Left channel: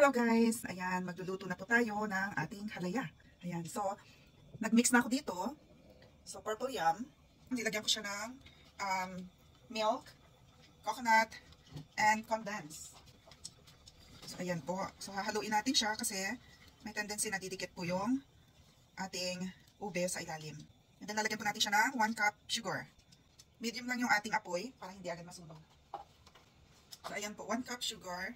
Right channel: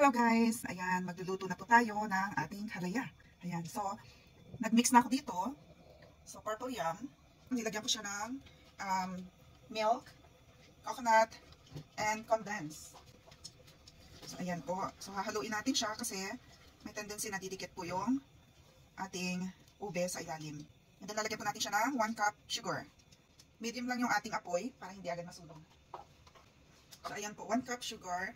Hello guys! Ayan, magluluto na po tayo ng ating halaya. Ayan, so, nagmix na ako dito. So, purple yam. Nilagyan ko siya ng milk, coconut, and condensed. So, ayan po. So, hahaluin natin siya kasi may tendency na didikit po yung ating ube sa ilalim. And then, lalagyan po natin siya ng 1 cup sugar. Medium lang yung ating apoy para hindi agad masunog. So, ayan po, 1 cup sugar.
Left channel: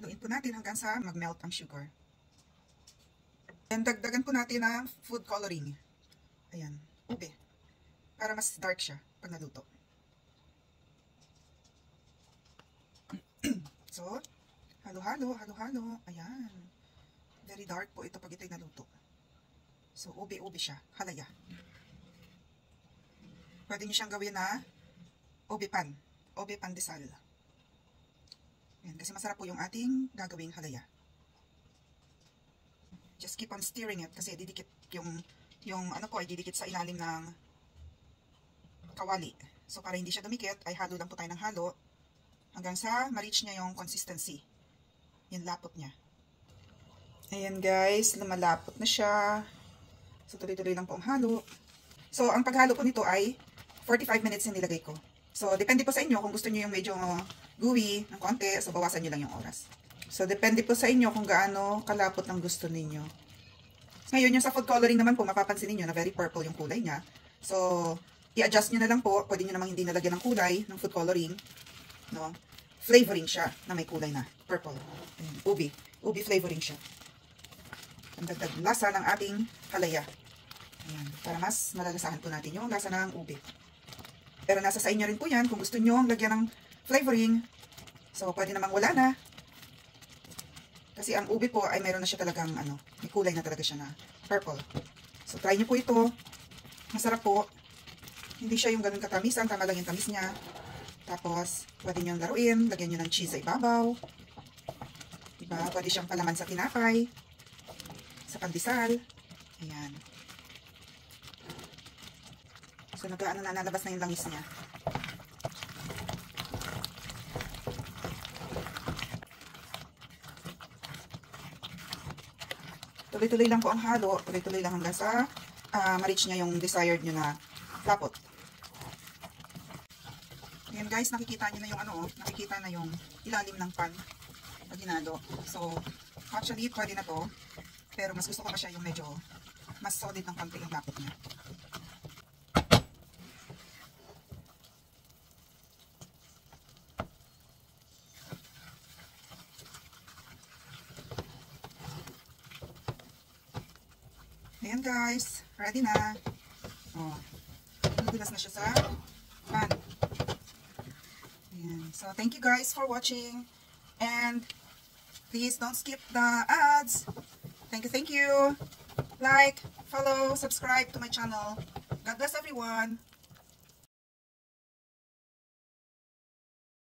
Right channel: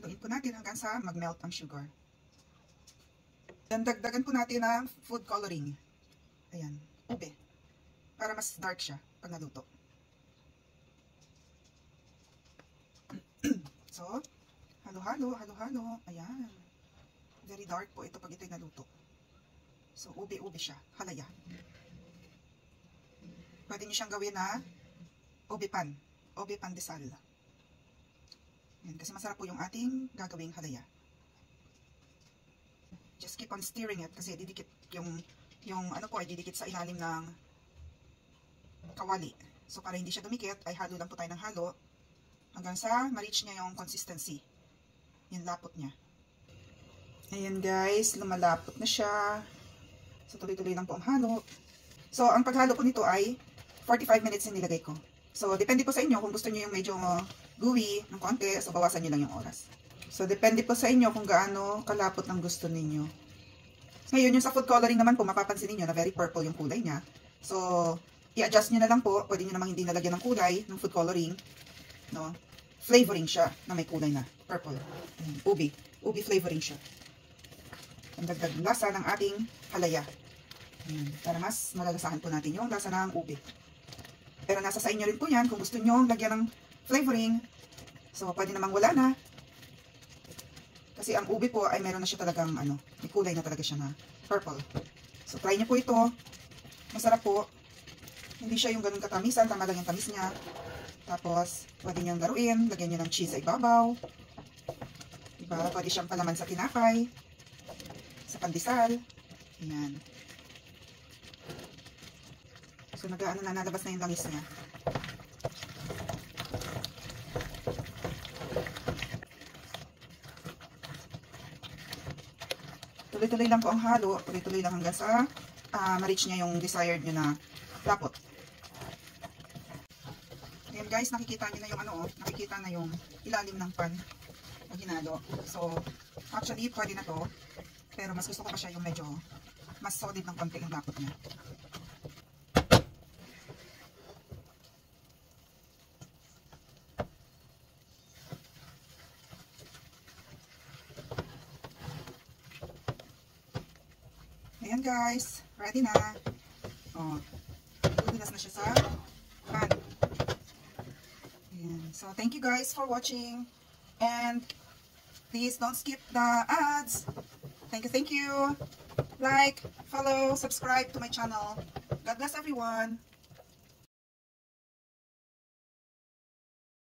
Haluin po natin hanggang sa mag-melt ang sugar. And dagdagan po natin ng food coloring. Ayan, ube. Para mas dark siya pag naluto. So, halo-halo, halo-halo. Ayan. Very dark po ito pag ito'y naluto. So, ube-ube siya. Halaya. Pwede nyo siyang gawin na ube pan. Ube pandesal. Yan, kasi masarap po yung ating gagawing halaya. Just keep on stirring it kasi didikit yung ano po ay didikit sa ilalim ng kawali. So para hindi siya dumikit ay halo lang po tayo ng halo hanggang sa ma-reach niya yung consistency. Yung lapot niya. Ayan guys, lumalapot na siya. So tuloy-tuloy lang po ang halo. So ang paghalo po nito ay 45 minutes yung nilagay ko. So depende po sa inyo kung gusto niyo yung medyo gooey ng konti, so bawasan nyo lang yung oras. So, depende po sa inyo kung gaano kalapot ang gusto ninyo. Ngayon, yung sa food coloring naman po, mapapansin niyo na very purple yung kulay niya. So, i-adjust nyo na lang po. Pwede nyo namang hindi nalagyan ng kulay ng food coloring. No? Flavoring siya na may kulay na purple. Ubi. Ubi flavoring siya. Ang dagdag lasa ng ating halaya. Ayan, para mas malalasahan po natin yung lasa ng ubi. Pero nasa sa inyo rin po yan kung gusto nyo lagyan ng flavoring. So, pwede namang wala na. Kasi ang ube po ay meron na siya talagang may kulay na talaga siya na purple. So, try nyo po ito. Masarap po. Hindi siya yung ganun katamisan. Tama lang yung tamis niya. Tapos, pwede nyo laruin. Lagyan nyo ng cheese sa ibabaw. Diba? Pwede siyang palaman sa tinapay. Sa pandesal. Ayan. So, nalabas na yung langis niya. Tuloy-tuloy lang po ang halo. Tuloy-tuloy lang hanggang sa ma-reach nyo yung desired nyo na lapot. Ayan guys, nakikita nyo na yung nakikita na yung ilalim ng pan pag hinalo. So, actually, pwede na to. Pero mas gusto ko pa siya yung medyo mas solid ng konti yung lapot niya. Ayan guys, ready na. Oh, luminas na siya sa pan. Ayan. So, thank you guys for watching. And, please don't skip the ads. Thank you. Like, follow, subscribe to my channel. God bless everyone.